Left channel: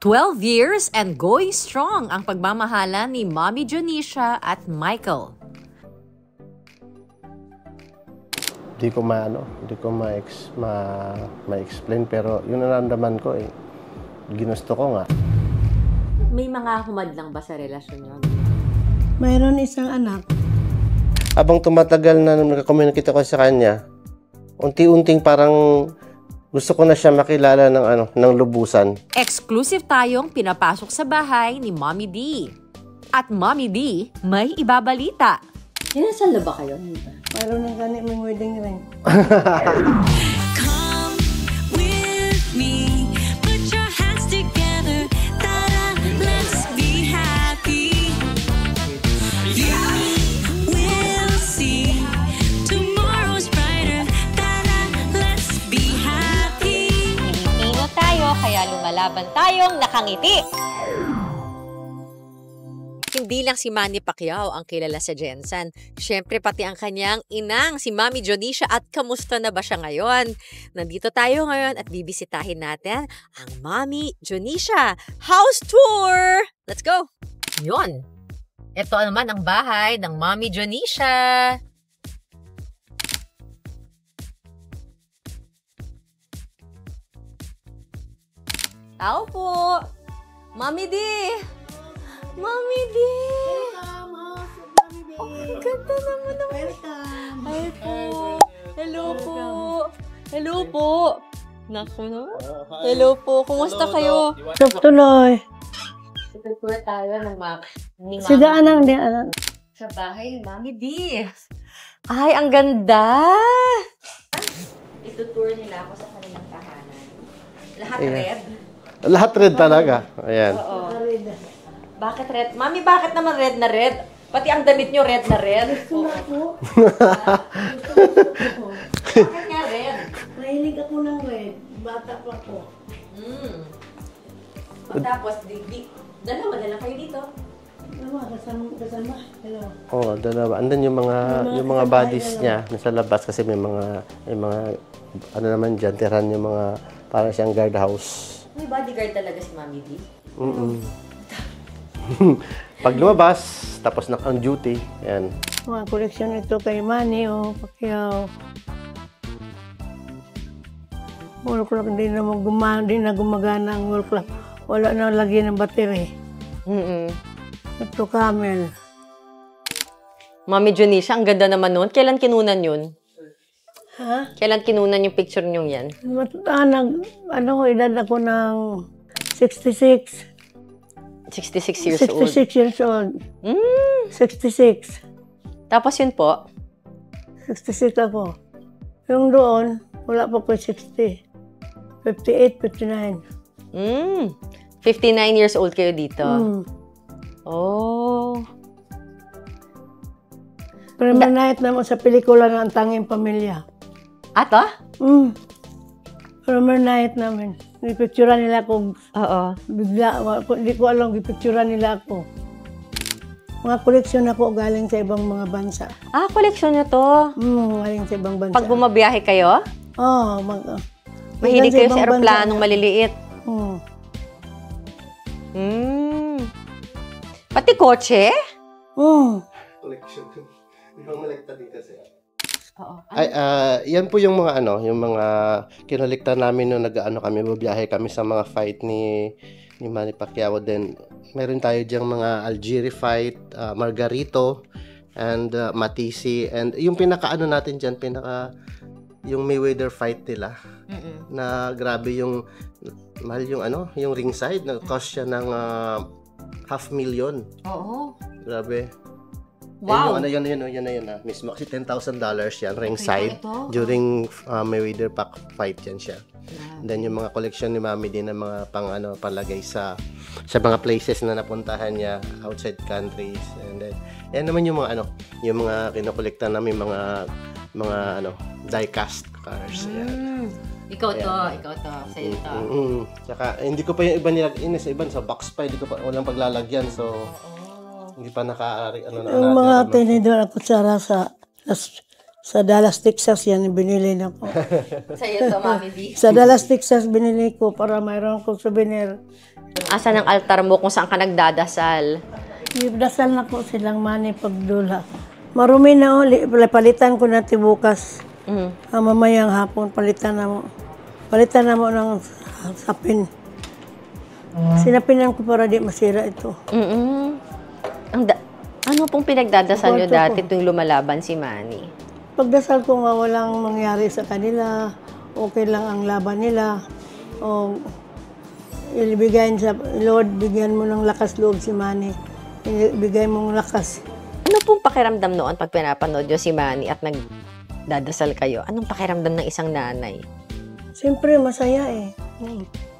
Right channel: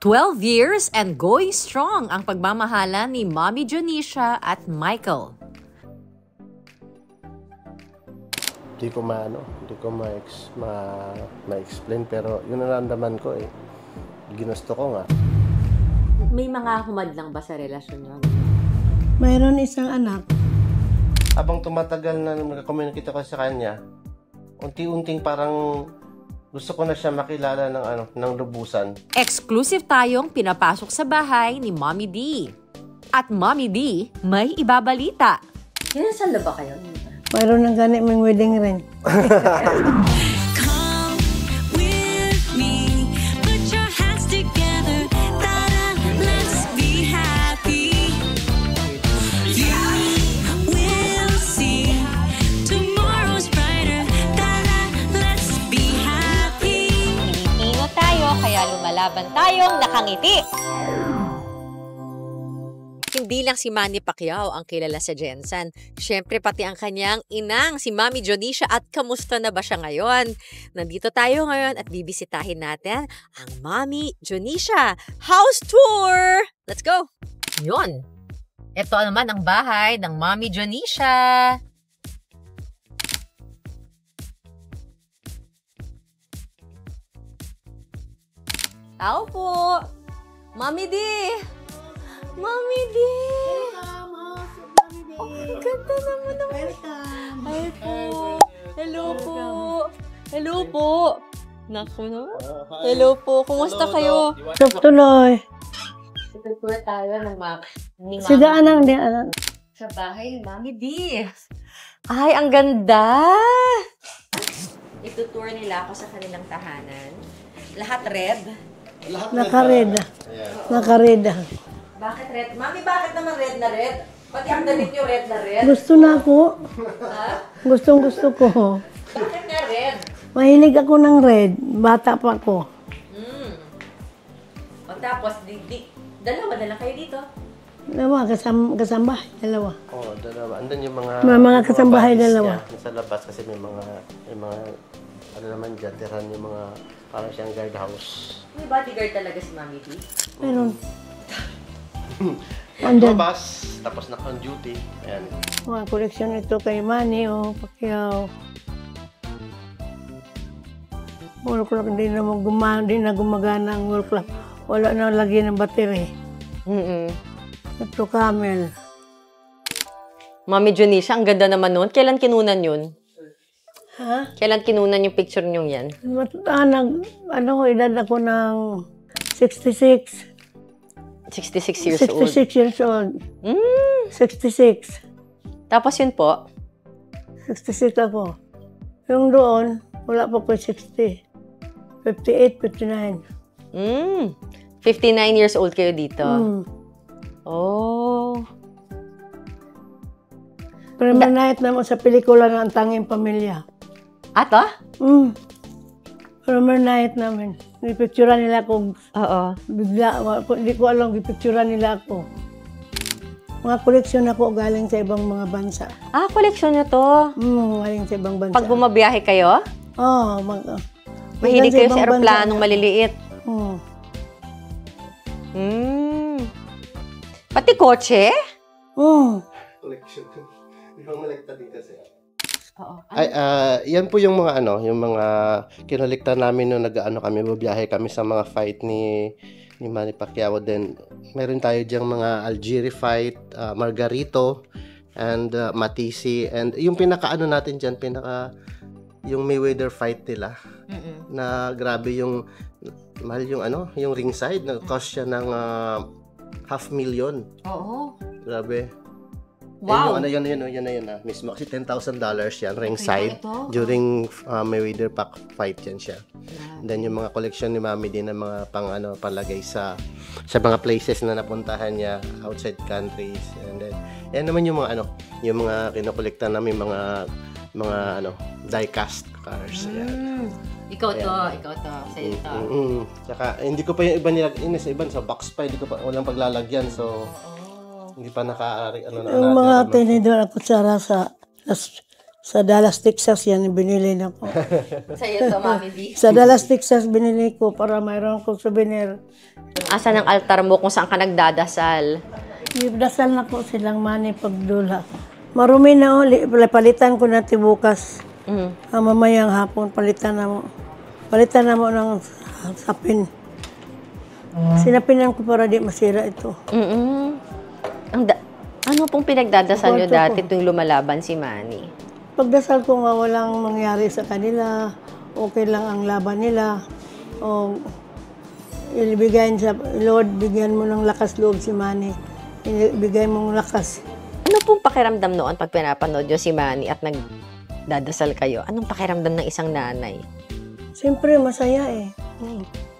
12 years and going strong ang pagmamahalan ni Mommy Jonisha at Michael. Hindi ko ma-explain pero yun ang naramdaman ko eh. Ginusto ko nga. May mga humadlang ba sa relasyon niyo? Mayroon isang anak. Habang tumatagal na nung nagka-communicate ako sa kanya, unti-unting parang gusto ko na siya makilala ng lubusan. Exclusive tayong pinapasok sa bahay ni Mommy D. At Mommy D, may ibabalita. Kinasal na ba kayo? Mayroon ng ganit ng wedding ring. Come with me, put your hands together, ta-da, let's be happy. You will see tomorrow's brighter, ta-da, let's be happy. Pilipino tayo, kaya lumalaban tayong nakangiti. Hindi lang si Manny Pacquiao ang kilala sa Gensan. Siyempre pati ang kanyang inang, si Mommy Jonisha, at kamusta na ba siya ngayon? Nandito tayo ngayon at bibisitahin natin ang Mommy Jonisha House Tour! Let's go! Yun! Ito naman ang bahay ng Mommy Jonisha. Tao po! Mommy D! Mommy D! Oh, ang ganda naman ng... Welcome! Hi po! Hello po! Hello po! Naku na. Hello po! Kumusta kayo? Tuloy. Itutur tayo ng ni Si Daanang di anak. sa bahay ni Mommy D. Ay, ang ganda! Itutur nila ako sa kanilang tahanan. Lahat red. Lahat red talaga. Ayan. Nakareda. Bakit red? Mami, bakit naman red na red? Pati ang damit nyo red na red. Gusto na ako. Gusto ko. Bakit nga red? Mahilig ako ng red. Bata pa ako. Tapos, dalawa na lang kayo dito. Dalawa, kasama. Dalawa. Oo, dalawa. Andan yung mga Mga kasambahay buddies dalawa. niya nasa labas kasi may mga ano naman dyan, tirahan yung mga parang siyang guardhouse. May bodyguard talaga si Mami D. Pag lumabas, tapos on duty, ayan. Mga koleksyon ito kay Manny o Pacquiao. Wall clock, hindi na gumagana ang wall clock. Wala na lagyan ng battery. Ito camel. Mami Jonisha, ang ganda naman nun. Kailan kinunan yun? Ha? Kailan kinunan yung picture nyo yan? Edad ako ng 66. 66 years old. 66 years old. 66. Tapos yun po? 66 ako. Yung doon, wala pa ko 60. 58, 59. 59 years old kayo dito. Oh. Pero manahit naman sa pelikula ng Ang Tanging Pamilya. Ato? Pero manahit namin. Ipicturean nila ako. Oo. Bigla, hindi ko alam, ipicturean nila ako. Mga koleksyon ako galing sa ibang mga bansa. Ah, koleksyon nyo to. Galing sa ibang bansa. Pag bumabiyahe kayo, Oo. mahilig kayo sa aeroplanong maliliit. Pati kotse? Collection. Ibang malagta din kasi. Oo. Ay, yan po yung mga yung mga kinolikta namin nung kami, bubiyahe kami sa mga fight ni Manny Pacquiao. Then, meron tayo diyang mga Algieri fight, Margarito, and Matisi. And yung natin dyan, yung Mayweather fight nila. Na grabe yung, mahal yung ringside, nag-cost siya ng $500,000. Oo. Grabe. Wow. Yun na mismo. Kasi $10,000 yan, ringside. During Mayweather fight yan siya. Then yung mga collection ni Mami din ng mga palagay sa mga places na napuntahan niya outside countries. And then, yan naman yung mga yung mga kinokolekta namin, mga die-cast cars. Yan. Ikaw to. Sa'yo to. Tsaka, hindi ko pa yung iba nilagyan sa iban, sa box pa, hindi ko pa, walang paglalagyan. So, hindi pa nakaari, Yung mga tinidor ako sa Dallas, Texas, yan binili na ko. Sa'yo to, Mami D. Sa Dallas, Texas, binili ko para mayroon ko souvenir. Asan ang altar mo kung saan ka nagdadasal? Dasal na ko silang mani pagdula. Marumi na uli, palitan ko na bukas. Mamayang hapon, palitan na mo. Palitan na mo ng sapin. Sinapinan ko para di masira ito. Ano pong pinagdadasal nyo Kwarto dati ko. tuwing lumalaban si Manny? Pagdasal ko nga walang mangyari sa kanila, okay lang ang laban nila. O ibigay sa Lord, bigyan mo ng lakas loob si Manny. Ibigay mong lakas. Ano pong pakiramdam noon pag pinapanood nyo si Manny at nagdadasal kayo? Anong pakiramdam ng isang nanay? Siyempre, masaya eh.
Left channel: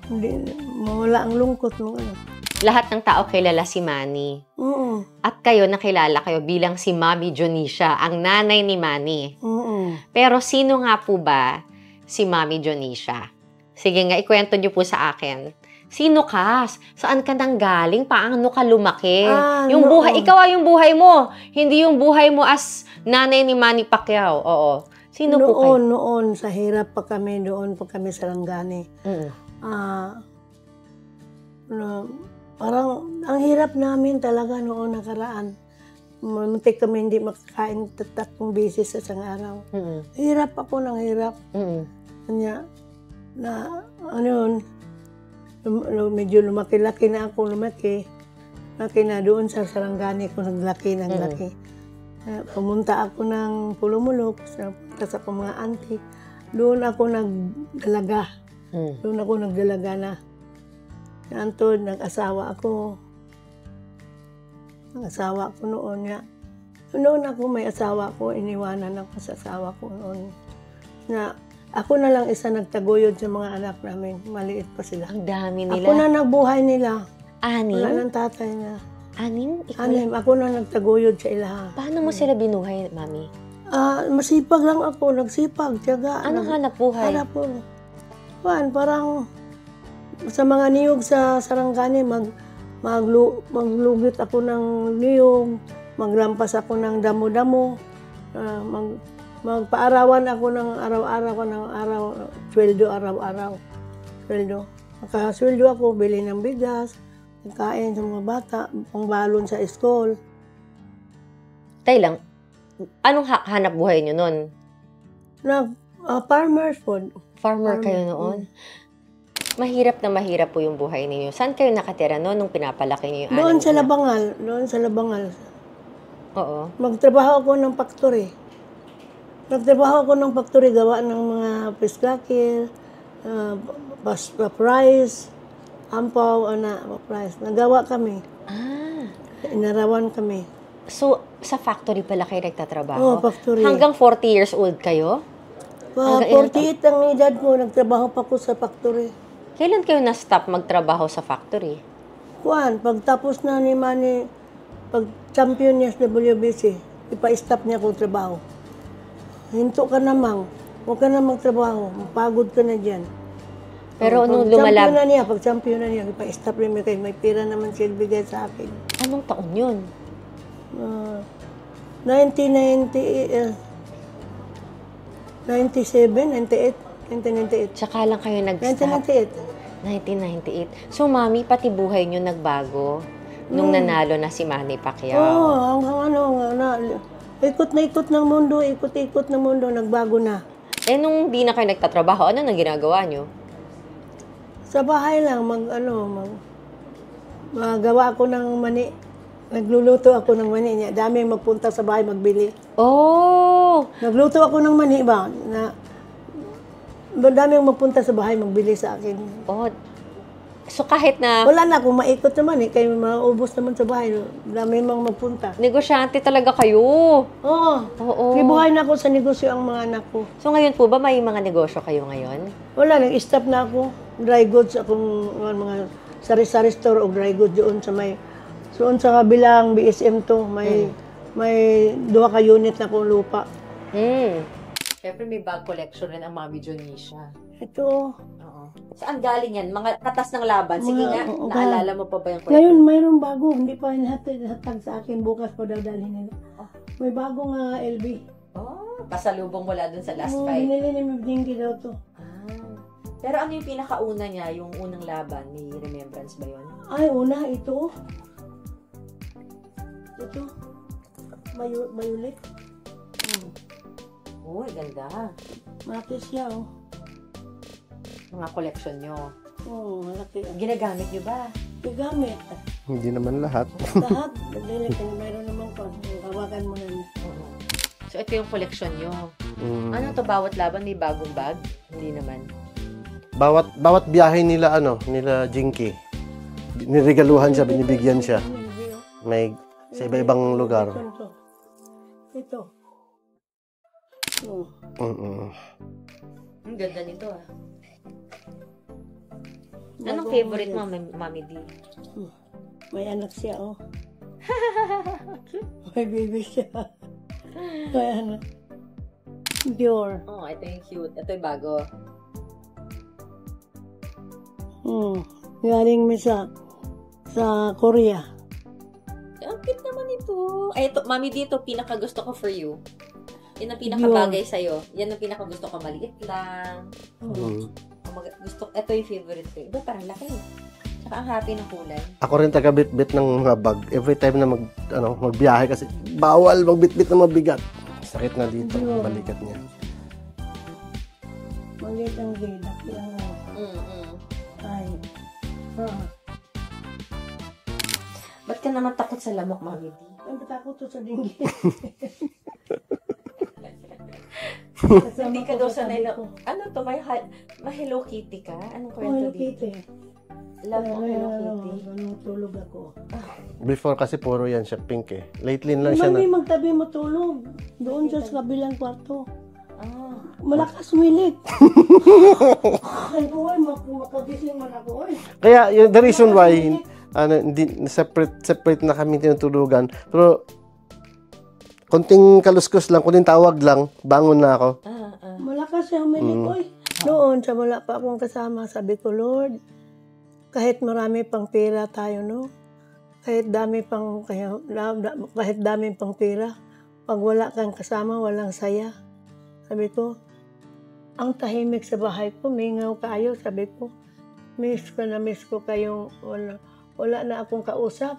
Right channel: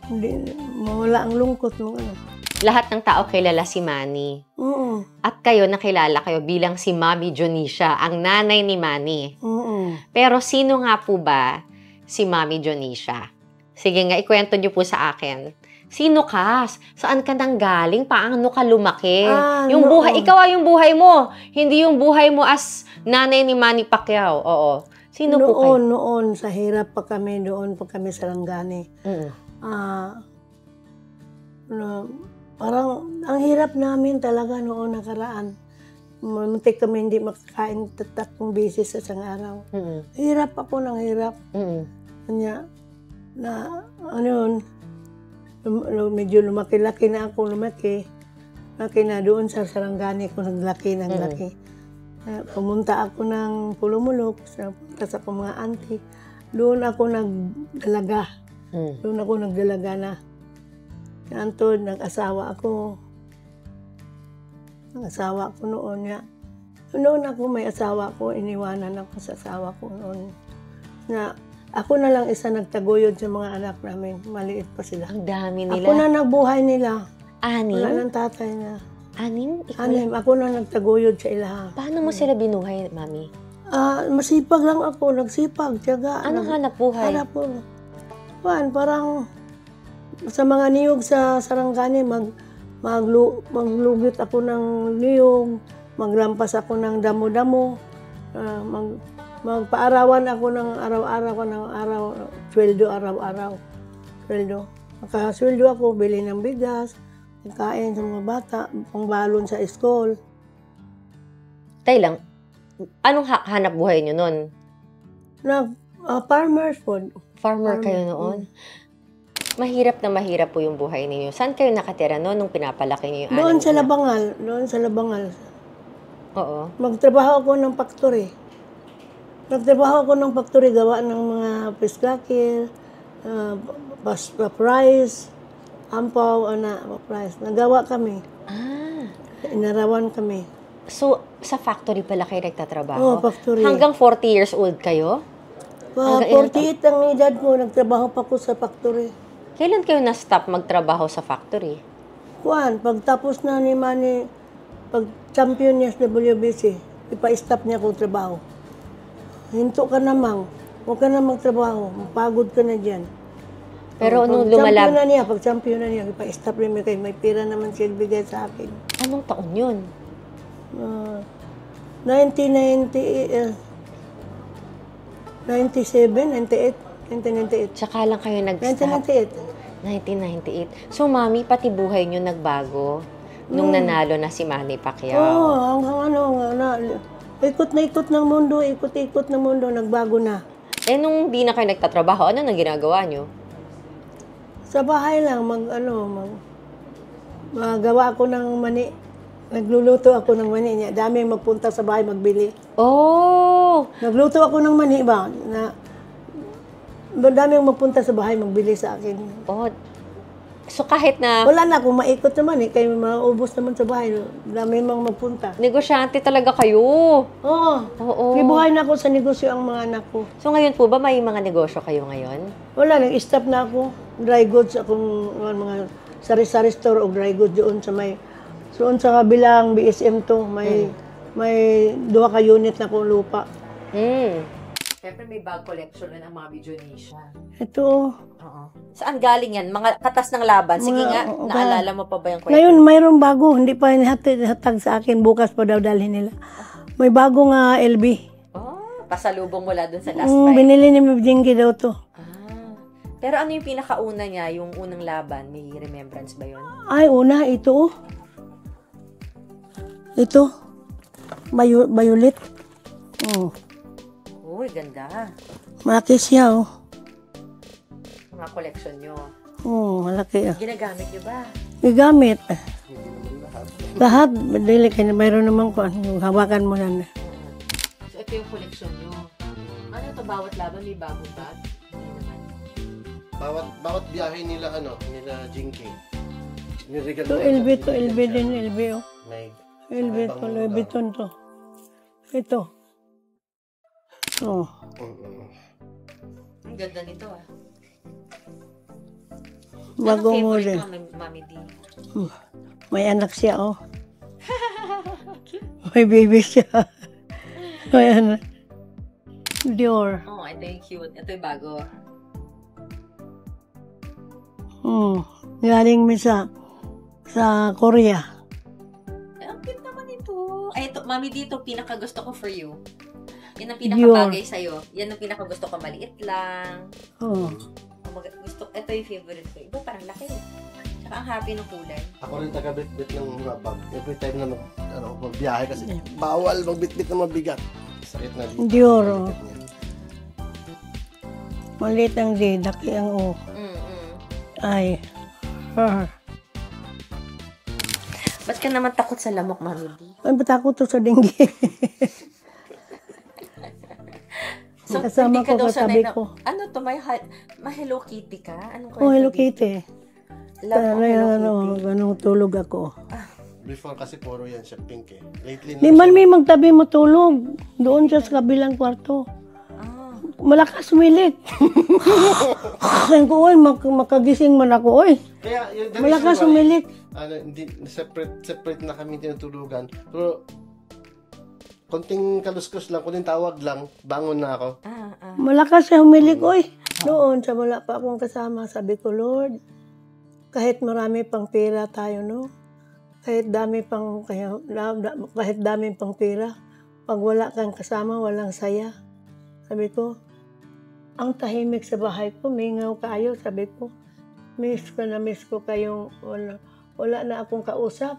Hindi, mawala ang lungkot mo. Lahat ng tao kilala si Manny. Oo. At kayo, nakilala kayo bilang si Mami Jonisha, ang nanay ni Manny. Oo. Pero sino nga po ba si Mami Jonisha? Sige nga, ikwento nyo po sa akin. Sino ka? Saan ka nang galing? Paano ka lumaki? Yung buhay, ikaw yung buhay mo. Hindi yung buhay mo as nanay ni Manny Pacquiao. Oo. Sino po kayo? Noon, sa hirap pa kami, doon pa kami sa Langgani. Parang ang hirap namin talaga noon nakaraan. Muntik kami hindi makakain 3 beses sa isang araw. Hirap ako ng hirap. Kanya, medyo lumaki-laki na ako, lumaki na doon sa Sarangani ko, naglaki. Pumunta ako ng Pulumulok, pumunta sa akong mga auntie. Doon ako nagdalaga. Na. Antod, nag-asawa ako. Nag-asawa ko noon nga. Noon ako may asawa ko, iniwanan ako sa asawa ko noon. Ako na lang isa nagtaguyod sa mga anak namin. Maliit pa sila. Ang dami nila. Ako na nagbuhay nila. 6? Wala ng tatay na. 6? 6. Ako na nagtaguyod sa ilaha. Paano mo sila binuhay, Mami? Masipag lang ako. Nagsipag, tiyaga. Anong hanap buhay? Hanap po. Parang sa mga niyog sa Sarangani, maglugit ako ng niyog, maglampas ako ng damo-damo, magpaarawan ako ng araw-araw, sweldo araw-araw. Makasweldo ako, bili ng bigas, kain sa mga bata, pangbalon sa school. Tay lang, anong hanap buhay nyo nun? Farmers food. Farmer kayo noon? Mahirap na mahirap po yung buhay ninyo. Saan kayo nakatira noon nung pinapalaki niyo yung Doon sa anak? Labangal. Oo. Magtrabaho ako ng factory. Gawa ng mga piskakil, price, ampaw, price. Nagawa kami. Inarawan kami. So, sa factory pala kayo nagtatrabaho? Oo, factory. Hanggang 40 years old kayo? 48 ang edad ko, nagtrabaho pa ko sa factory. Kailan kayo na-stop magtrabaho sa factory? Pagtapos na ni Manny, pag champion niya sa WBC, ipa-stop niya akong trabaho. Hinto ka namang, huwag ka na magtrabaho, mapagod ka na dyan. Pero nung Pag champion na niya, ipa-stop niya kayo, may pira naman siya bigay sa akin. Anong taon yun? 1998. Tsaka lang kayo nag-stop? 1998. So, Mami, pati buhay nyo nagbago nung nanalo na si Manny Pacquiao? Ikot ng mundo, nagbago na. Nung di na kayo nagtatrabaho, ano nang ginagawa nyo? Sa bahay lang, magawa ako ng mani. Nagluluto ako ng mani niya. Daming magpunta sa bahay magbili. Oh! Nagluto ako ng mani ba? Daming magpunta sa bahay magbili sa akin. Oh. So kahit na Wala na akong maikot naman eh. Kaya maubos naman sa bahay. Daming mga magpunta. negosyante talaga kayo. Oo. Kibuhay na ako sa negosyo ang mga anak ko. So ngayon po ba may mga negosyo kayo ngayon? Wala, nag-stop na ako. Dry goods akong mga sari-sari store o dry goods doon sa sa kabilang BSM to. May 2 ka unit na akong lupa. Siyempre may bag collection rin ang Mami Jonisha. Ito. Oo. Saan galing yan? Mga katas ng laban? Sige nga, naalala mo pa ba yung kwento? Ngayon, mayroong bago. Hindi pa hatag sa akin. Bukas pa daw dalhin nila. May bago nga LB. Pasalubong mula dun sa last fight. Binili ni Mabjingi daw to. Pero ano yung pinakauna niya, yung unang laban? May remembrance ba yun? Ay, una, ito. Ito. Violet. Oh. Uy, ganda. Malaki siya, oh. Mga collection nyo. Oh, malaki. Ginagamit nyo ba? Igamit. Hindi naman lahat. Lahat, dili kaya mayroon naman ko. Hawakan mo na. So, ito yung collection nyo. Ano to, bawat laban may bagong bag? Hindi naman. Bawat biyahe nila, nila Jinky, niregaluhan siya, binibigyan siya. May sa iba-ibang lugar. Ito. Oh. Ang ganda nito, ah. Bagong Anong favorite model. mo, Mami D? May anak siya, oh. May baby siya. May anak. Dior. Oh, ito yung cute. Ito yung bago. Galing mi sa Korea. Ang cute naman ito. Ay, ito, Mami D, ito pinakagusto ko for you. Yan ang pinakabagay sa'yo. Yan ang pinakagusto ko. Maliit lang. Gusto, ito yung favorite ko. Iba parang laki. Tsaka ang happy ng kulay. Ako rin taga-bit-bit ng mga bag. Every time na magbiyahe kasi bawal magbit-bit na mabigat. Sakit na dito. Dior. Balikat niya. Maliit ang D, daki ang O. Ay. Ba't ka naman takot sa lamok, Mami D? Ay, ba't ako to sa dengue? Kasama Hindi ka ko, daw kasabi sanay na, ko. ano to, may Hello Kitty ka? Anong Oh, Hello Kitty. Lamok, Hello Kitty. Ganun tulog ako. Before kasi puro yan siya pink eh. Lately na Di siya man may magtabi mo tulog. Doon siya sa kabilang kwarto. Malakas umilik. Sabi ko, oy, makagising man ako, oy. Kaya the reason Malakas why umilik. hindi separate na kami tinutulugan. Pero konting kaluskos lang, konting tawag lang, bangon na ako. Malakas siya humilik, oy. Noon, sa wala pa akong kasama, sabi ko, Lord, kahit marami pang pera tayo, no? Kahit dami pang pera, pag wala kang kasama, walang saya. Sabi ko, ang tahimik sa bahay ko, mingaw kayo, sabi ko, miss ko kayong, wala na akong kausap.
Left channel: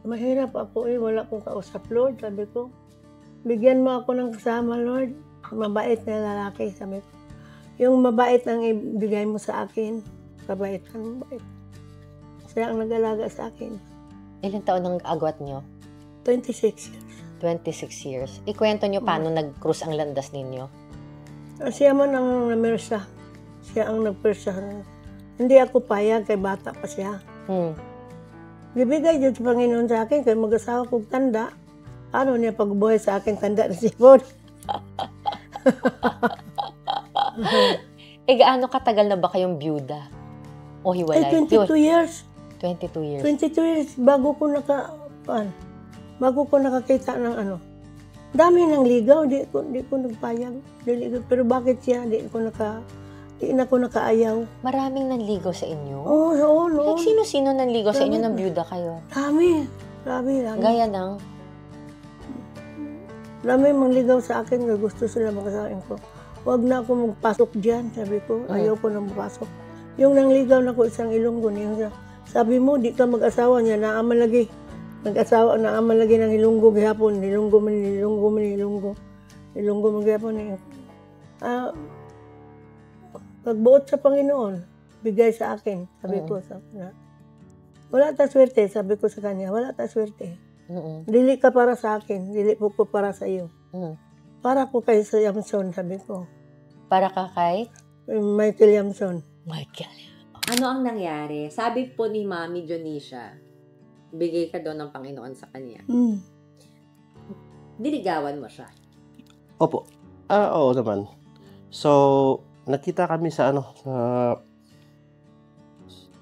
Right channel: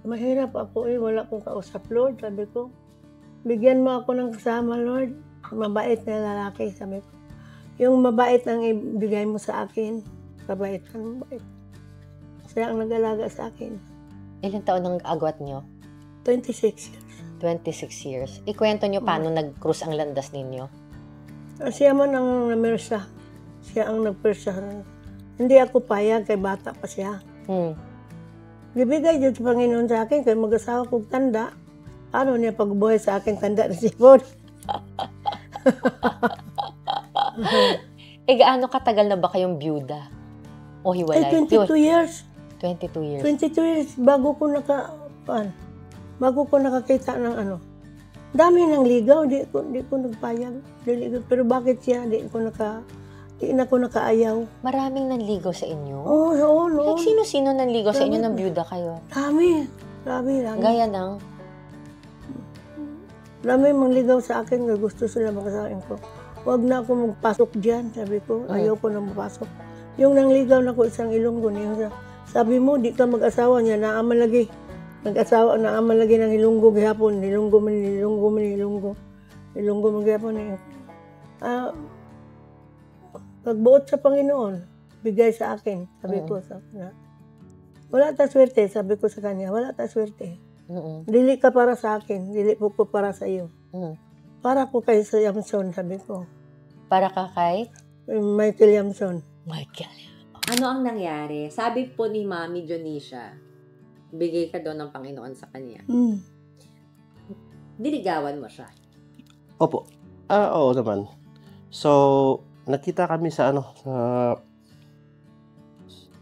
Mahirap ako wala akong kausap, Lord, sabi ko. Bigyan mo ako ng kasama, Lord. Mabait na lalaki, sabi ko. Yung mabait ang ibigay mo sa akin, mabait. Siya ang nag-alaga sa akin. Ilang taon ang agwat nyo? 26 years. 26 years. Ikwento nyo paano nag-cruise ang landas ninyo? Siya man ang namersa. Siya ang nagpersa. Hindi ako payag, kay bata pa siya. Bibigay dyan sa Panginoon sa akin, kay mag-asawa kong tanda. Ano niya pagbuhay sa akin, tanda na si Bod. Gaano katagal na ba kayong byuda? O hiwalay? 22 years. 22 years. 22 years, bago ko nakakita ng ano. Dami ng ligaw, di ko nagpayag. Pero bakit siya, di na ko nakaayaw. Maraming nanligaw sa inyo? Oo, no. Like, sino-sino nanligaw sa inyo ng byuda kayo? Dami. Gaya ng? Dami mangligaw sa akin, gusto sila makasain ko. Huwag na ako magpasok dyan, sabi ko. Ayaw ko na mapasok. Yung nangligaw na ko isang Ilonggo niya, sabi mo, di ka mag-asawa niya, naaman lagi. Nag-asawa, naaman lagi ng Ilonggo gihapon. Ilonggo man gihapon. Pagbuot sa Panginoon, bigay sa akin, sabi ko sa kanya. Wala ta swerte, sabi ko sa kanya, wala ta swerte. Dili ka para sa akin, dili po ko para sa iyo. Para ko kay Yamson, sabi ko. Para ka kay? Michael Yamson. Michael. Ano ang nangyari? Sabi po ni Mami Dionisha, bigay ka daw ng Panginoon sa kanya. Diligawan mo siya. Opo. Oo naman. So, nakita kami sa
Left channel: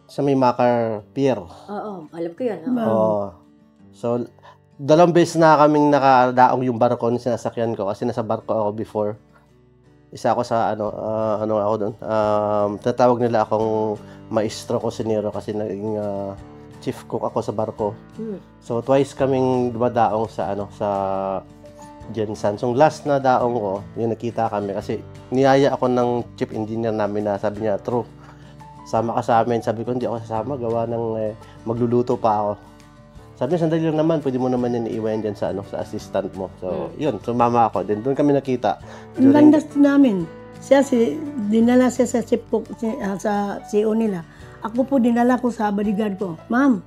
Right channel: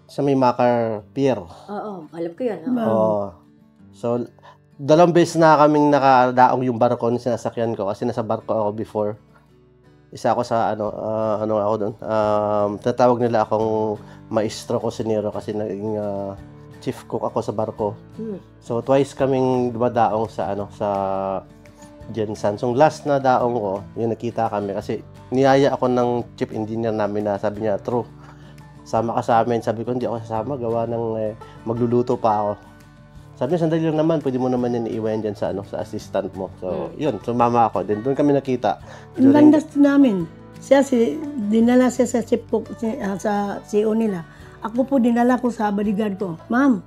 sa may Makar Pier. Oo, alam ko yun. Oo. So, 2 beses na kaming nakadaong yung barko na sinasakyan ko kasi nasa barko ako before. Isa ako sa ako doon. Tatawag nila akong maestro cocinero kasi naging chief cook ako sa barko. So, twice kaming dumadaong sa Jensan. So last na daong ko, yung nakita kami kasi niyaya ako ng chief engineer namin na sabi niya, true, sama ka sa amin. Sabi ko, hindi ako sasama, gawa ng magluluto pa ako. Sabi niya, sandali lang naman, pwede mo naman yan iiwan dyan sa, sa assistant mo. So, yun, sumama ako. Then, doon kami nakita. Ang landas namin. Dinala siya sa chief cook, sa CEO nila. Ako po dinala ko sa bodyguard ko. Ma'am,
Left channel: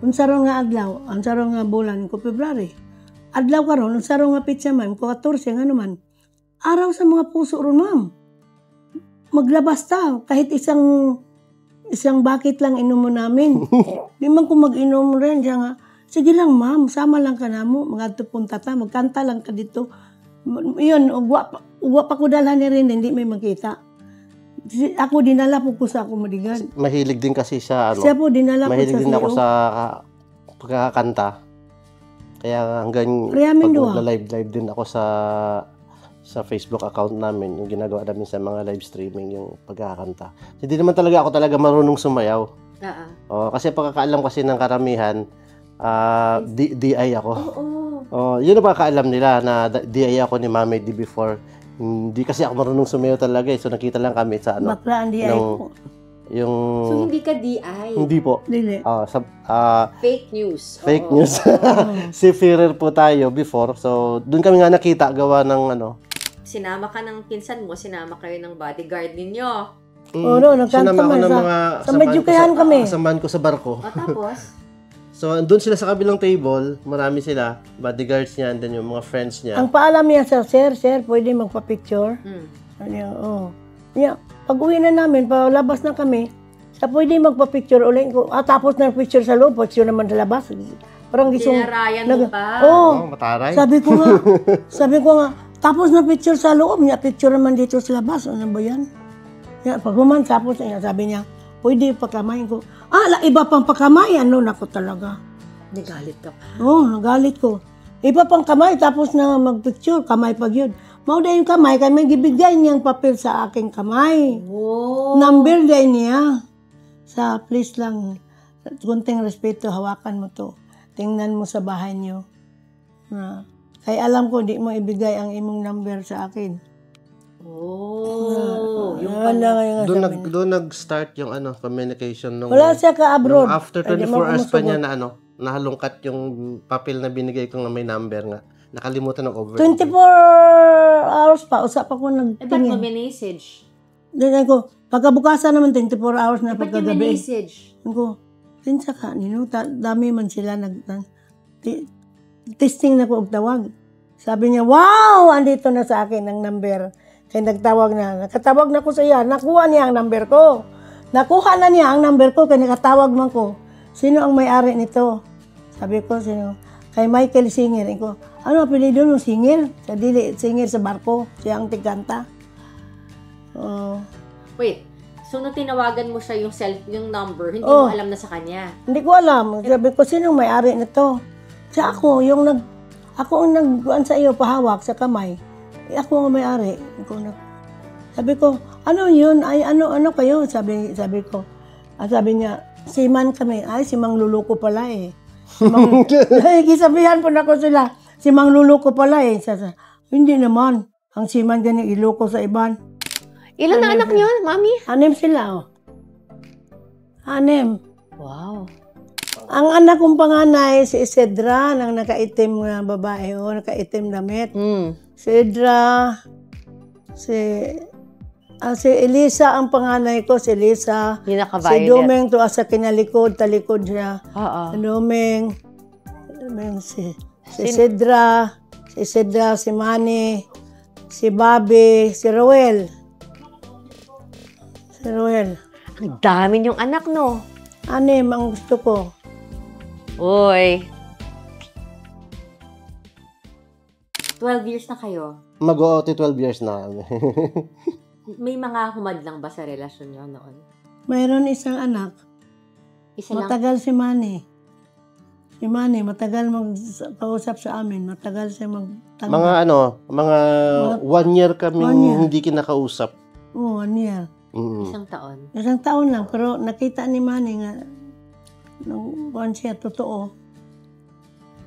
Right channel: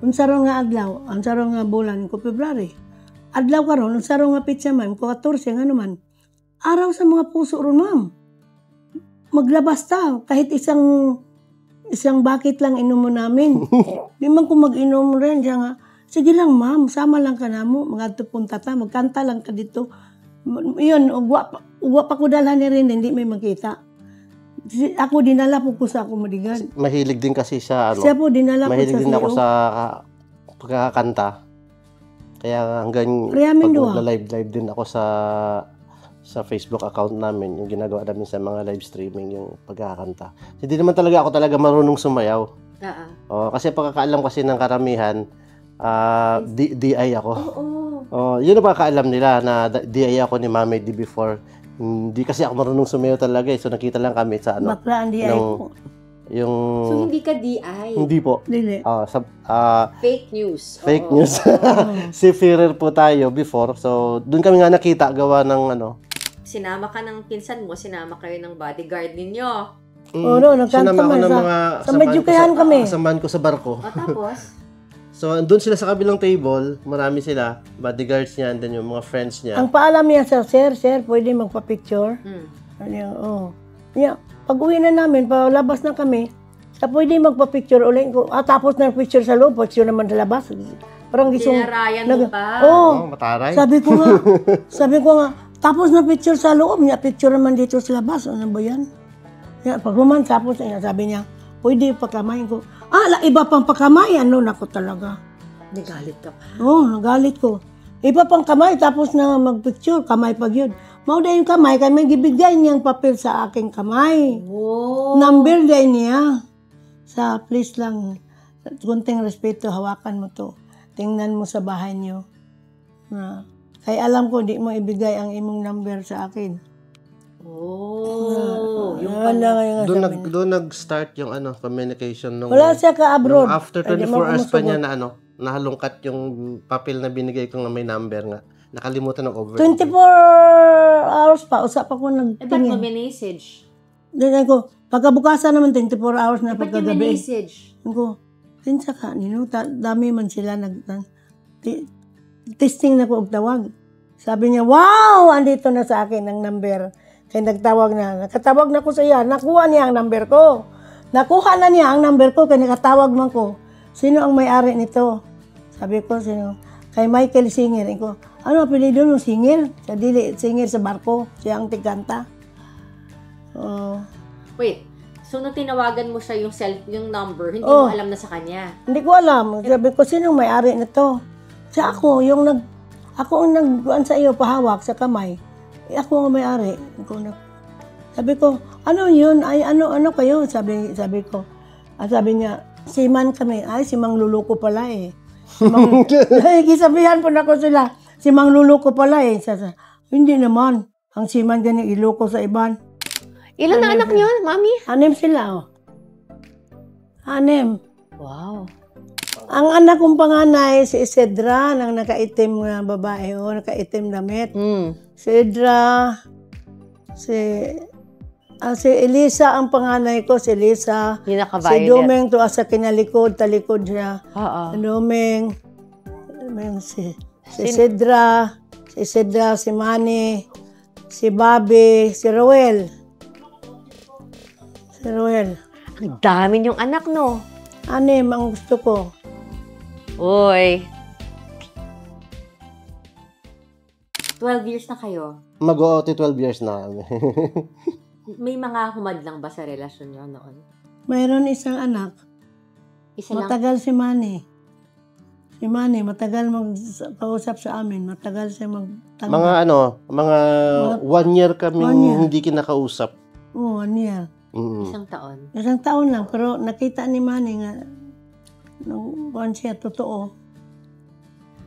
unsaro nga adlaw, unsaro nga bulan ko February. Adlaw karon, unsaro nga pitsa ma'am, ko 14 nga naman. Araw sa mga puso ron, ma'am. Maglabas ta, kahit isang bucket lang inom mo namin. Di man ko mag-inom rin. Siya nga, sige lang ma'am, sama lang ka na mo. Punta ta, magkanta lang ka dito. Yun, ugwa pa ko dalhan ni rin, hindi may makita. Ako dinala po ko sa akong madigan. Mahilig din kasi siya, Siya po dinala ko mahilig sa din ako CEO. sa pagkakanta. Kaya hanggang Rehamin pag doon. live din ako sa Facebook account namin, yung ginagawa namin sa mga live streaming, yung pagkakanta. Hindi naman talaga ako marunong sumayaw. Kasi pagkakaalam kasi ng karamihan, DI ako. Yun ang pagkakaalam nila na DI ako ni Mami D before. Hindi kasi ako marunong sumayaw talaga So nakita lang kami sa Bakla ang DI ko. Yung So, hindi ka DI? hindi po. Dili. Fake news. Fake Oo. news. Seafarer po tayo before. So, doon kami nga nakita gawa ng Sinama ka ng pinsan mo, sinama kayo ng bodyguard ninyo. No, nagkanta sinama ko man ng sa- mga sa samahan Medjukayan ko kami. samahan ko sa barko. O tapos, So, andun sila sa kabilang table. Marami sila. Bodyguards niya, and then yung mga friends niya. Ang paalam niya sa sir, pwede magpa-picture. mm, Yeah. Pag uwi na namin, palabas na kami, pwede magpa-picture ulit ko. Tapos na picture sa loob, picture naman sa labas. Parang gisong... dinarayan mo pa. Mataray. Sabi ko nga, tapos na picture sa loob niya, picture naman dito sa labas. Ano ba yan? Pag human, tapos niya, sabi niya, pwede pakamayin ko. Iba pang pakamayan, nako talaga. Nagalit ka pa. Nagalit ko. Iba pang kamay, tapos na magpicture, kamay pag yun. Mauda yung kamay, kaya may gibigay niyang papel sa aking kamay. Oh. Number day niya. Please lang, kunting respeto, hawakan mo to. Tingnan mo sa bahay niyo. Kaya alam ko, di mo ibigay ang imong number sa akin. Yung Doon nag-start yung communication nung Wala siya ka-abroad. nung after Ay, di 24 mo hours pa kumusugot. niya na nahalungkat yung papel na binigay ko na may number nga. Nakalimutan ng over. 24 hours pa, usap ako ba't mo nagtingin. minessage? Then ako, pagkabukasan naman 24 hours na Ba't yung pagkagabi. minessage? Ako, pinsa ka, dami man sila testing na ko og tawag. Sabi niya, wow, andito na sa akin ang number. Kaya nagtawag na. Nakatawag na ko sa iya. Nakuha niya ang number ko. Nakuha na niya ang number ko kaya nakatawag man ko. Sino ang may-ari nito? Sabi ko, sino? Kay Michael Singer. Ko, ano apelido ng Singer? Sa dili, Singer sa barko. Siya ang tiganta. Wait, so nung tinawagan mo siya yung number, hindi mo alam na sa kanya? Hindi ko alam. Sabi ko, sino ang may-ari nito? Siya ako, ako ang nagbuan sa iyo, pahawak sa kamay. Ako ang may-ari. Sabi ko, ano yun? Ay, ano kayo? Sabi ko. Sabi niya, siman kami. Ay, si Mang Luluko pala eh. Gisabihan po na ko sila. Si Mang Luluko pala eh. Hindi naman. Ang siman ganyan iloko sa iban. Ilan na anak niyo, Mami? 6 sila, 6. Wow. Ang anak kong panganay, si Isedra, nang nakaitim na babae, nakaitim damit. Si Idra, si Elisa ang panganay ko, si Elisa. Yung Si naka-violet. Domeng, to asa kinalikod, talikod siya. Oo. Si Domeng, si Isedra, si Manny, si Bobby, si Roel. Ang dami niyong anak, no? 6 ang gusto ko. Uy. 12 years na kayo. Mag-o-12 years na kami. May mga humadlang ba sa relasyon niyo noon? Mayroon isang anak. Isa lang? Matagal si Manny. Si Manny, matagal mag-kausap sa amin. Matagal siya magtanggap. mga 1 year kami 1 year. hindi kinakausap. Oo, 1 year. Isang taon. Isang taon lang, pero nakita ni Manny nga, nung buwan siya, totoo.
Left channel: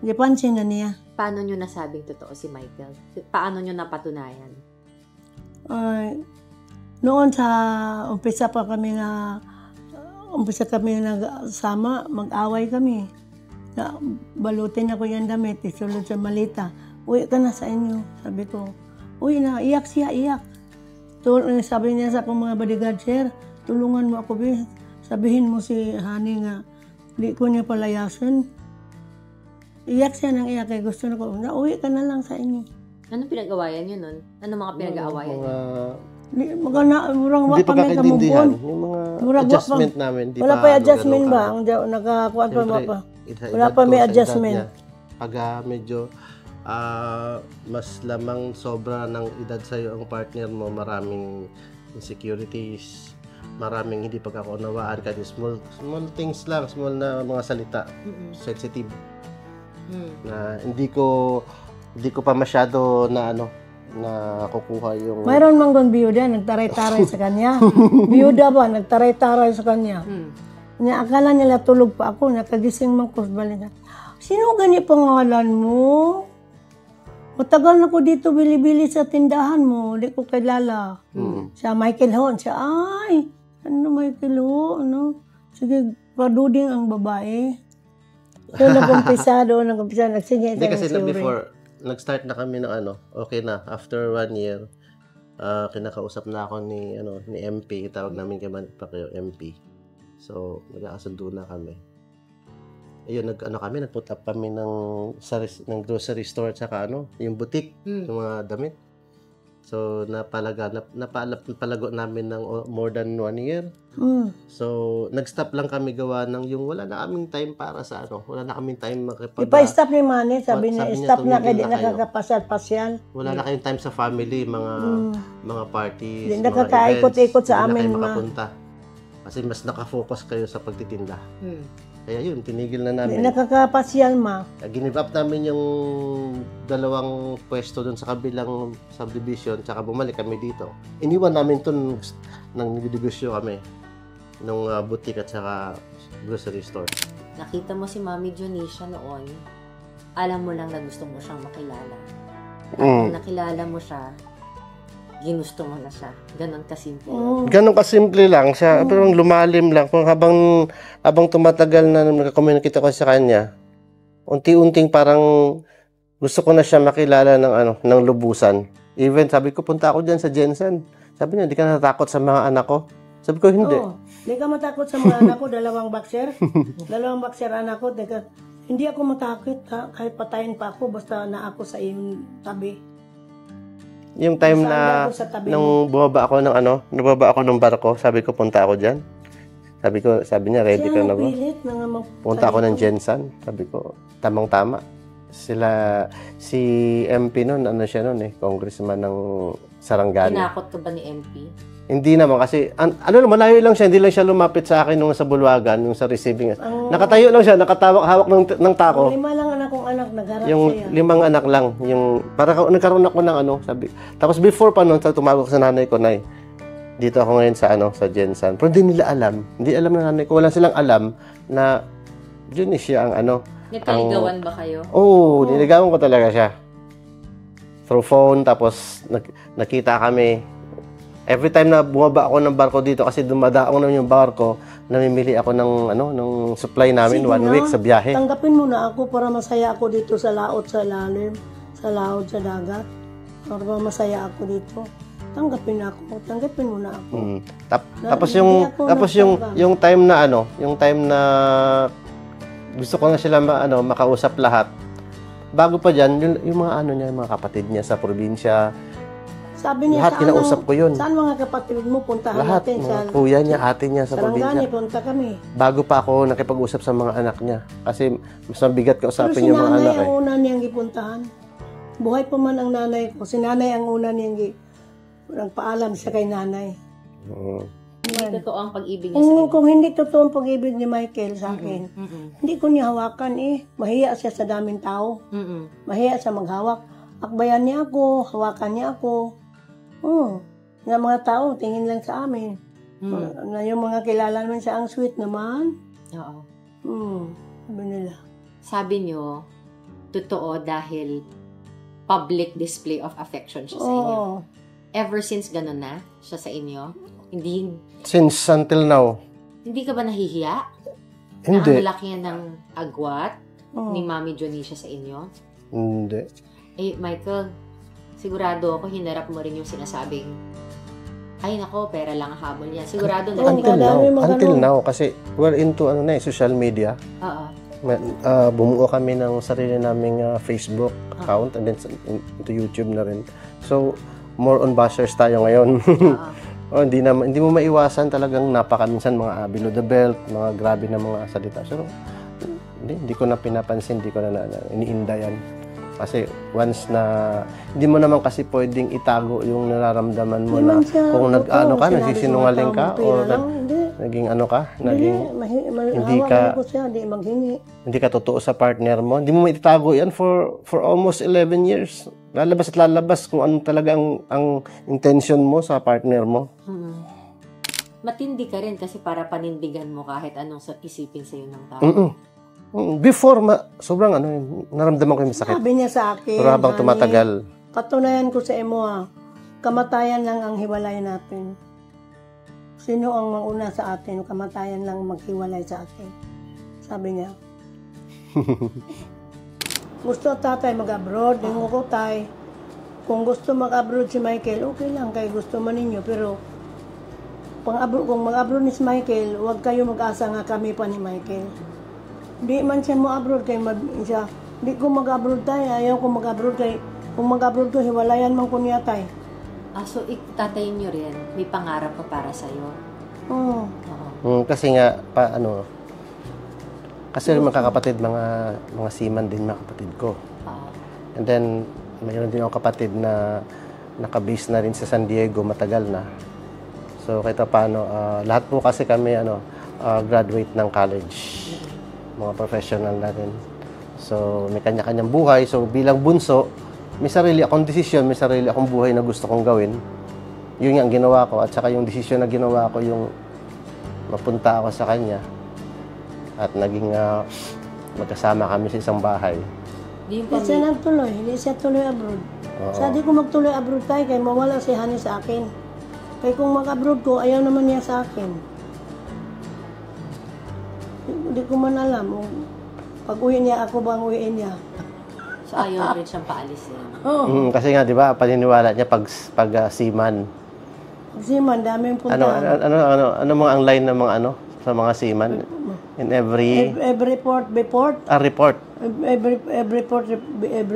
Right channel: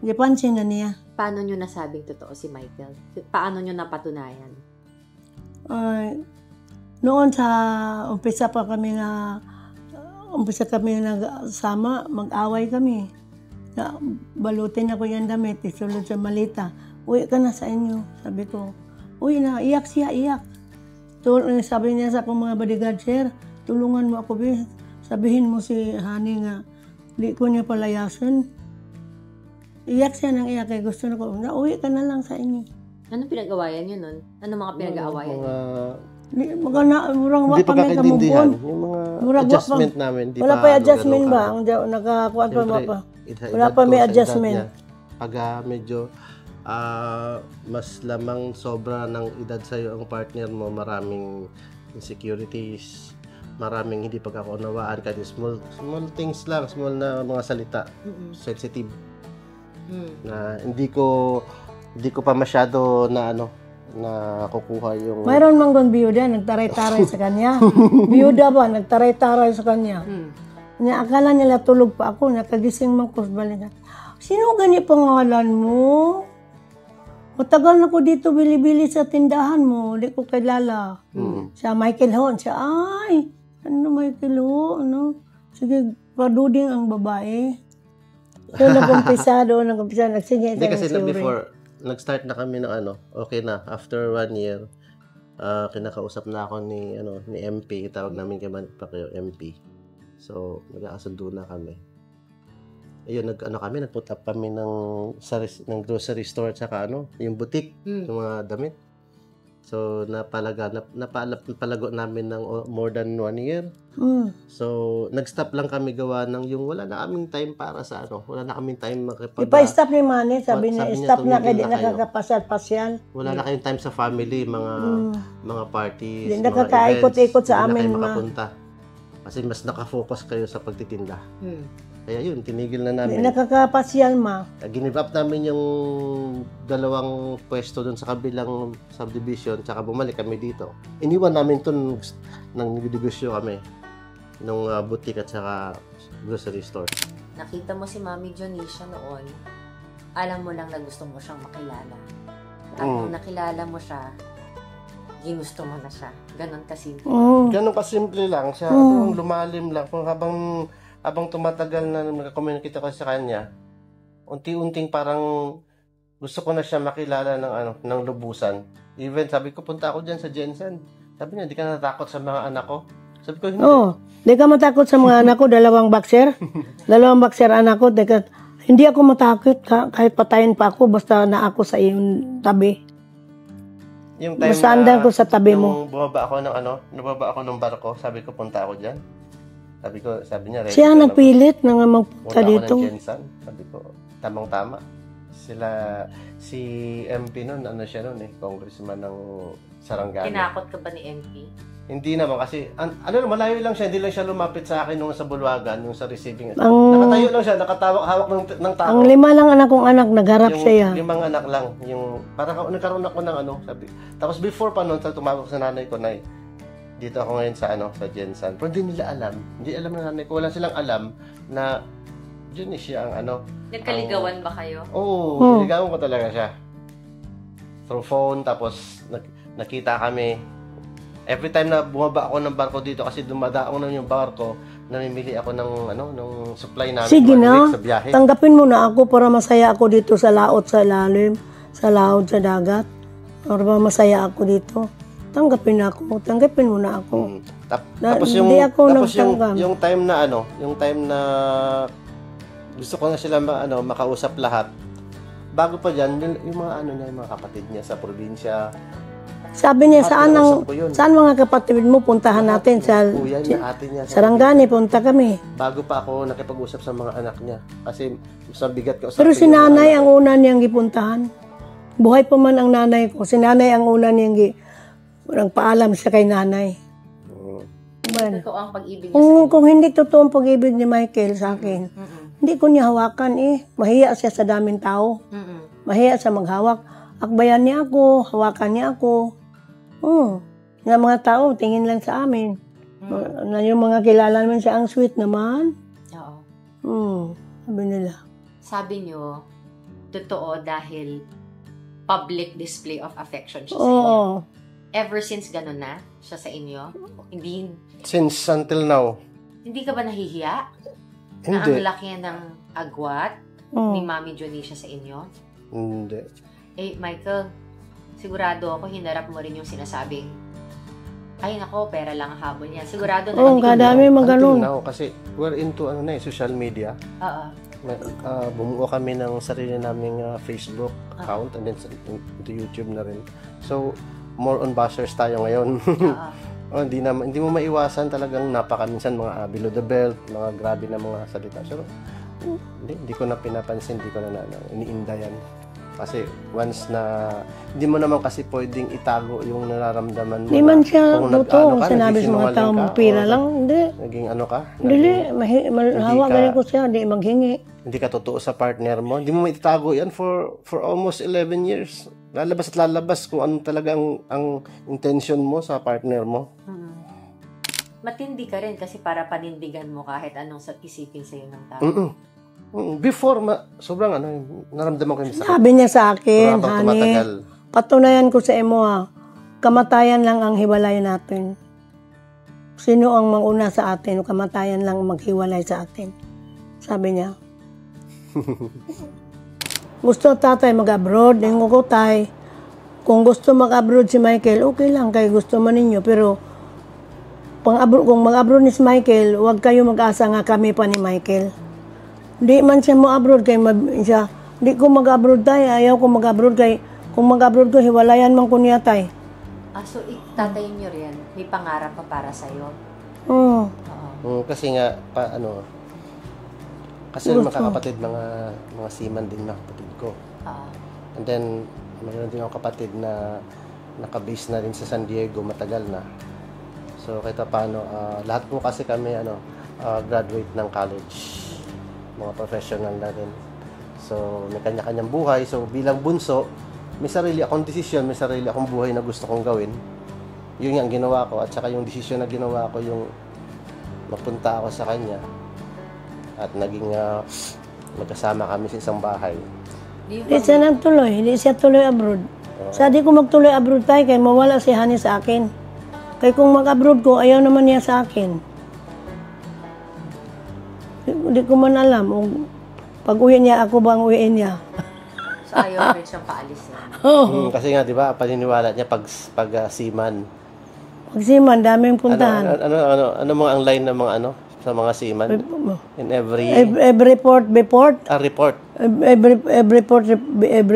Gipansin na niya. Paano nyo nasabing totoo si Michael? Paano nyo napatunayan? Ay, noon sa umpisa kami nagsama, mag-away kami. Na, balutin ako yung damit, isulod sa malita. Uwi ka na sa inyo, sabi ko. Uwi na, iyak siya, iyak. Sabi niya sa akong mga bodyguard, sir, tulungan mo ako, be. Sabihin mo si Honey nga, di ko niya palayasan. Iyak siya ng iyak, gusto na ko, uwi ka na lang sa inyo. Anong pinag-awayan nyo nun? Anong mga pinag-aawayan nyo? Murang Hindi wa kami pagkakaintindihan. kamumpon. Yung mga Murag wa adjustment pa. namin. Di Wala pa pa adjustment ganun ba? ka. Ang nakakuha pa Siyempre, pa. edad Wala pa ko, may sa edad adjustment. niya, pag medyo mas lamang sobra ng edad sa'yo ang partner mo, maraming insecurities, maraming hindi pagkakaunawaan, kahit small things lang, small na mga salita, sensitive, na hindi ko pa masyado na kukuha yung... Mayroon mang doon biyuda, nagtaray-taray sa kanya. Biyuda ba, nagtaray-taray sa kanya. Niya, akala nila tulog pa ako, nakagising man ko, balik. Sino gani pangalan mo? Matagal na ko dito bili-bili sa tindahan mo, di ko kilala. Siya, Michael Hon, siya, ay, ano Michael Ho, ano? Sige, paduding ang babae. Doon nag-umpisa, nagsigit Hindi siya kasi ng suri. before, nag-start na kami ng okay na, after 1 year, kinakausap na ako ni MP, tawag namin kay Manny Pacquiao, MP. So, nagkakasundo na kami. Ayun, nag-put up kami ng grocery store, tsaka yung boutique, yung mga damit. So, napalago namin ng more than 1 year. So, nag-stop lang kami gawa ng yung wala na kaming time para sa wala na kaming time Ipa-stop ni Manny, sabi niya, stop na kayo, di tumigil na kayo. nakakapasal-pasyal. Wala na kayong time sa family, mga parties, Di mga nakakaikot-ikot events. sa Hindi na amin, kayo ma. makapunta. Kasi mas nakafocus kayo sa pagtitinda. Kaya yun, tinigil na Di namin. nakakapasyal, ma. Give up namin yung 2 pwesto dun sa kabilang subdivision, tsaka bumalik kami dito. Iniwan namin to nang negosyo kami nung boutique at saka grocery store. Nakita mo si Mami Dionisha noon, alam mo lang na gusto mo siyang makilala. Tapos nakilala mo siya, ginusto mo na siya. Ganon kasimple. Ganon kasimple lang siya, pero lumalim lang. Kung habang tumatagal na nagka-communicate ako sa kanya, unti-unting parang gusto ko na siya makilala ng lubusan. Even sabi ko, punta ako dyan sa Jensen. Sabi niya, di ka natatakot sa mga anak ko? Sabi ko, hindi. Di ka matakot sa mga anak ko, 2 boxer. 2 boxer anak ko, hindi ako matakot kahit patayin pa ako, basta na ako sa iyong tabi. Yung time Masandal ko sa tabi nung bumaba ako ng barko, sabi ko, punta ako dyan. Sabi niya, ready Siya ka na ba? nagpilit na nga magpunta Punta ako ng dito. Jensen. Sabi ko, tamang-tama. Si MP nun, siya nun congressman ng Sarangani. Tinakot ka ba ni MP? Hindi naman kasi, malayo lang siya, hindi lang siya lumapit sa akin nung sa Bulwagan, yung sa receiving. Nakatayo lang siya, hawak ng tao. Ang 5 lang anak kong anak, nagharap Yung siya. 5 anak lang, parang nagkaroon ako ng sabi. Tapos before pa nun, tumawag sa nanay ko, Nay, dito ako ngayon sa Jensen. Pero hindi nila alam. Hindi alam ng nanay ko. Wala silang alam na siya ang Nagkaligawan ba kayo? Oo, niligawan ko talaga siya. Through phone, tapos nakita kami. Every time na bumaba ako ng barko dito, kasi dumadaong na yung barko, namimili ako ng supply namin Sige 1 na, week sa biyahe. tanggapin mo na ako para masaya ako dito sa laot sa lalim, sa laot sa dagat. Para masaya ako dito. Tanggapin mo na ako. Tapos hindi ako nagtanggap. yung time na gusto ko na sila makausap lahat. Bago pa diyan, yung mga yung mga kapatid niya sa probinsya. Sabi niya, Lahat kinausap ko yun. saan mga kapatid mo, puntahan Lahat, natin sa kuya niya, ate niya sa Sarangani, probinsya. punta kami. Bago pa ako nakipag-usap sa mga anak niya. Kasi mas mabigat ka Pero usapin si yung mga nanay anak. ang una niyang gipuntahan. Buhay pa man ang nanay ko. Si nanay ang una niyang nagpaalam siya kay nanay. Totoo ang pag-ibig niya sa'yo. Kung hindi totoo ang pag-ibig ni Michael sa akin, hindi ko niya hawakan Mahiya siya sa daming tao. Mahiya siya maghawak. Akbayan niya ako, hawakan niya ako. Nga mga tao, tingin lang sa amin. Yung mga kilala naman siya, ang sweet naman. Oo. Sabi nila. Sabi niyo, totoo dahil public display of affection siya sa Oo. inyo. Ever since ganun na siya sa inyo? Since until now, Hindi ka ba nahihiya? Na hindi. ang laki ng agwat ni Mami Jonisha sa inyo? Hindi. Eh, Michael, sigurado ako hinarap mo rin yung sinasabing, ay nako, pera lang ang habol niya. Sigurado na. Oo, kadami Until magano. now, kasi we're into social media. Oo. Bumuo kami ng sarili naming Facebook account and then into YouTube na rin. So, more on bashers tayo ngayon. Hindi mo maiwasan talagang napakaminsan mga below the belt, mga grabe na mga salita. So, hindi ko na pinapansin, hindi ko na iniinda yan. Kasi once na, hindi mo naman kasi pwedeng itago yung nararamdaman mo Hindi na man siya kung totoo. nag-ano ka, Sinabi sa mga nagsisinungaling tao, ka, pera o lang. Hindi. naging ano ka, Hindi. Hawak ka- na ko siya. Hindi maghingi. hindi ka totoo sa partner mo, hindi mo maitatago yan for almost 11 years. Lalabas at lalabas kung ano talaga ang intention mo sa partner mo. Matindi ka rin kasi para panindigan mo kahit anong isipin sa'yo ng tao. Before, sobrang naramdaman ko yung sakit. Sabi niya sa akin, Pero habang tumatagal, patunayan ko sa imo kamatayan lang ang hiwalay natin. Sino ang manguna sa atin, kamatayan lang maghiwalay sa atin. Sabi niya. Gusto tatay mag-abroad, hingo ko tay. Kung gusto mag-abroad si Michael, okay lang, kay gusto man ninyo. Pero kung mag-abroad ni si Michael, huwag kayo mag-asa nga kami pa ni Michael. Di man siya mo abroad kay siya. Di ko mag-abroad tay, ayaw ko mag-abroad kay kung mag-abroad ko hiwalayan man ko niya tay. So tatayin nyo rin. May pangarap pa para sa'yo. Oo. kasi nga, kasi mga kakapatid, mga seaman din mga kapatid ko. And then, mayroon din ako kapatid na nakabase na rin sa San Diego, matagal na. So, kahit paano, lahat po kasi kami, graduate ng college. Mga professional na rin. So, may kanya-kanyang buhay. So, bilang bunso, may sarili akong desisyon, may sarili akong buhay na gusto kong gawin. Yun ang ginawa ko. At saka yung desisyon na ginawa ko, yung mapunta ako sa kanya. At naging magkasama kami sa isang bahay. Hindi siya nagtuloy, hindi siya tuloy abroad. Sa di ko magtuloy abroad tayo, kay mawala si Hani sa akin. Kay kung mag-abroad ko, ayaw naman niya sa akin. Hindi ko man alam. Pag uwi niya, ako ba ang uwiin niya? So ayaw na rin siyang paalis na. Kasi nga, di ba, paniniwala niya pag seaman. Pag siman, daming puntahan. Ano mga ang line ng mga sa mga seaman? In Every report. report. Every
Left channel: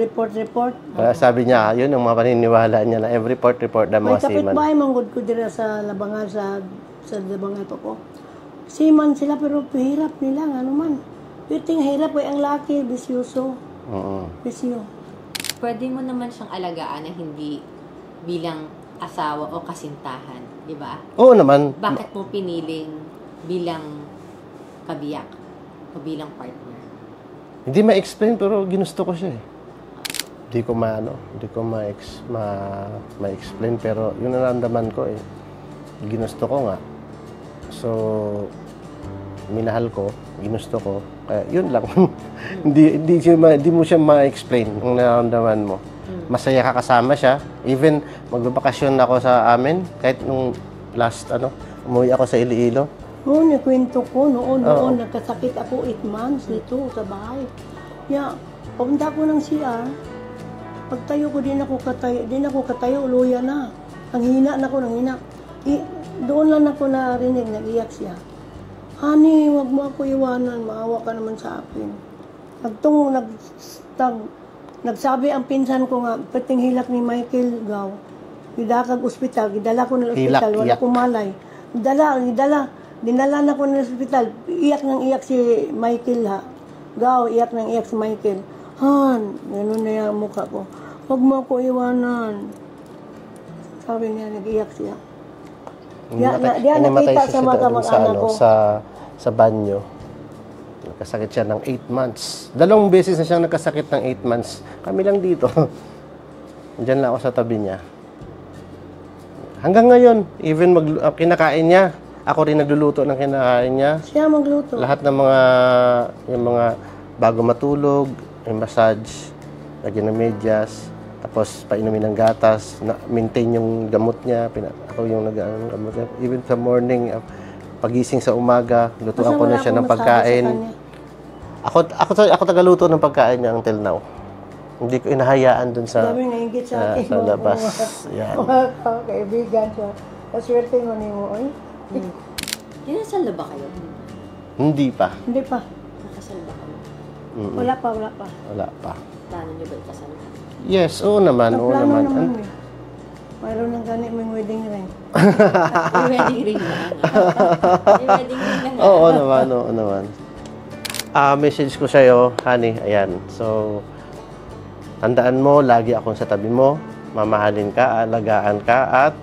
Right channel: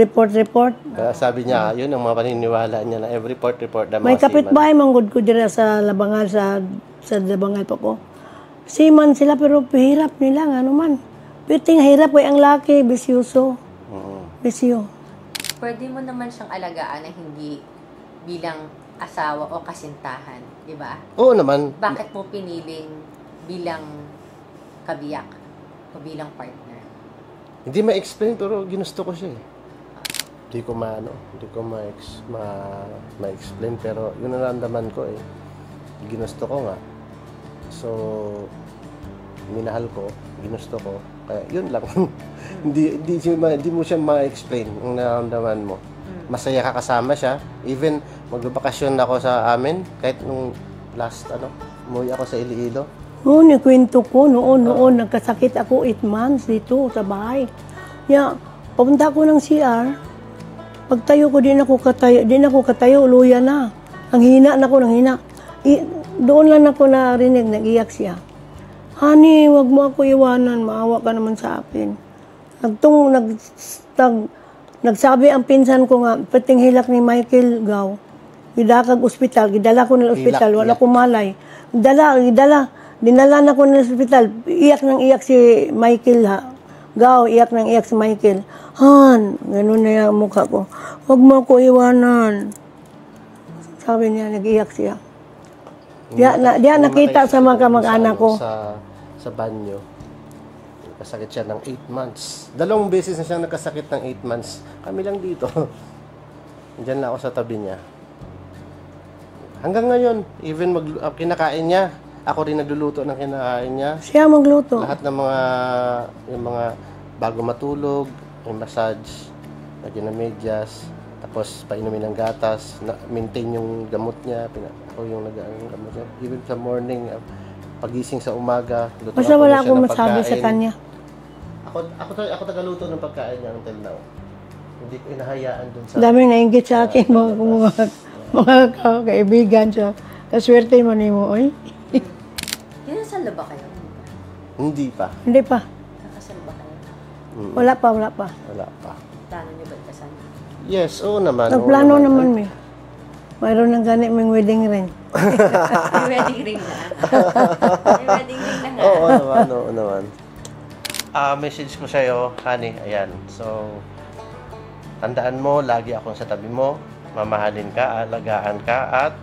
report. Sabi niya, yun ang mga paniniwala niya na every report na May mga seaman. kapitbahay manggod ko dira sa Labangal, sa Labangal pa ko. Seaman sila pero pahirap nila, ano man. Piting hirap kay ang laki, bisyoso. Bisyo. Pwede mo naman siyang alagaan na hindi bilang asawa o kasintahan, di ba? Oo naman. Bakit mo piniling bilang kabiyak o bilang partner? Hindi ma-explain pero ginusto ko siya eh. Hindi ko ma-explain pero yun ang naramdaman ko eh. Ginusto ko nga. So, minahal ko, ginusto ko. Kaya yun lang. hindi mo siya ma-explain ang nararamdaman mo. Masaya ka kasama siya. Even magbabakasyon ako sa amin, kahit nung last, umuwi ako sa Iloilo. Noon, kwento ko, noon, nagkasakit ako 8 months dito sa bahay. Papunta ko ng CR, pagtayo ko, din ako katayo, luya na. Nanghina na ako, doon lang ako narinig, nag-iyak siya. Honey, wag mo ako iwanan, maawa ka naman sa akin. Nagsabi ang pinsan ko nga, pating hilak ni Michael Gaw, gidakag ospital, gidala ko ng ospital, wala ko malay. Dinala na ko ng ospital, iyak si Michael Gaw, iyak si Michael. Han, ganun na yung mukha ko. Wag mo ako iwanan. Sabi niya, nag-iyak siya. Diyan nakita sa mga kamag-anak ko. Sa banyo. Nagkasakit siya ng 8 months. 2 beses na siya nagkasakit ng 8 months. Kami lang dito. Diyan lang ako sa tabi niya. Hanggang ngayon, even kinakain niya, ako rin nagluluto ng kinakain niya. Siya magluto. Lahat ng yung mga bago matulog, may massage, lagyan ng medyas, tapos painumin ng gatas, maintain yung gamot niya, ako yung gamot niya. Even sa morning, pagising sa umaga, luto Basta ako wala na siya akong ng masabi pagkain. sa kanya. Ako tagaluto ng pagkain niya until now. Hindi ko inahayaan dun sa... Dami nainggit sa akin sa mga, labas. Yeah. mga kaibigan siya. Naswerte mo ni mo, oy. Kinasal na ba kayo? Hindi pa. Hindi pa. Nakasal ba kayo? Wala pa. Wala pa. Plano niyo ba kasal? Yes, oo naman. oo Nagplano naman may. Mayroon ng ganit may wedding ring. May wedding ring na. May wedding ring na nga. Oo naman. Message ko sa'yo, honey, ayan. So, tandaan mo, lagi akong sa tabi mo, mamahalin ka, alagaan ka, at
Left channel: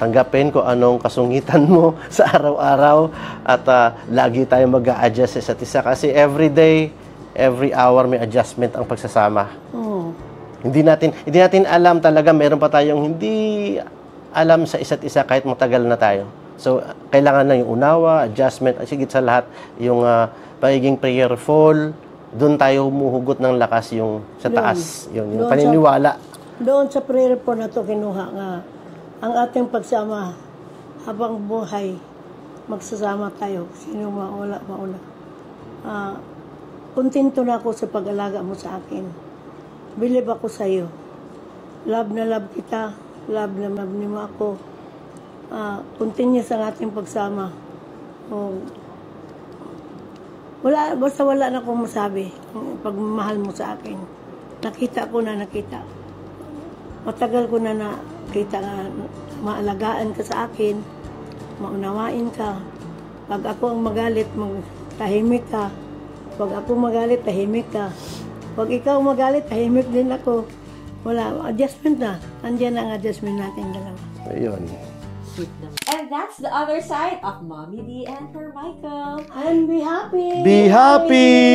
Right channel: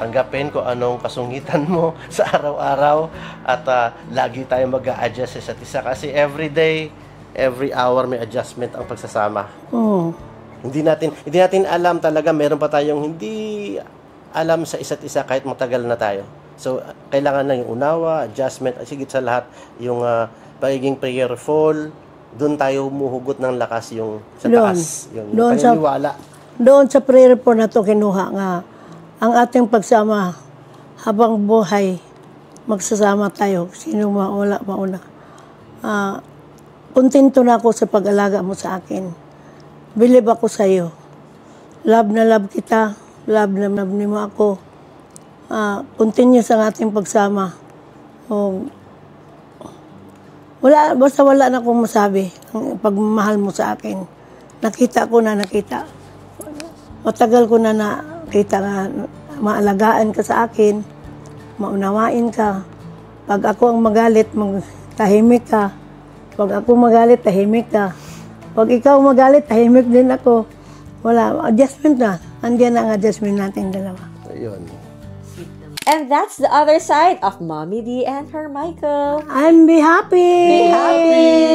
tanggapin kung anong kasungitan mo sa araw-araw, at lagi tayo mag-a-adjust sa isa't isa kasi every day, every hour may adjustment ang pagsasama. Oo. Hindi natin alam talaga, meron pa tayong hindi alam sa isa't isa kahit matagal na tayo. So, kailangan na yung unawa, adjustment, at sigit sa lahat, yung pagiging prayerful, doon tayo humuhugot ng lakas yung sa taas, yung paniniwala. Doon sa prayer po na to kinuha nga, ang ating pagsama habang buhay, magsasama tayo, sino wala mauna. Kontento na ako sa pag-alaga mo sa akin. Believe ako sa iyo. Love na love kita, love na love mo ako. Continuous ang ating pagsama. Basta wala na akong masabi ang pagmamahal mo sa akin. Nakita. Matagal ko na nakita na maalagaan ka sa akin, maunawain ka. Pag ako ang magalit, tahimik ka. Pag ako magalit, tahimik ka. Pag ikaw magalit, tahimik din ako. Wala, adjustment na. Andiyan na ang adjustment natin dalawa. Ayun. And that's the other side of Mommy D and her Michael. And be happy! Be happy!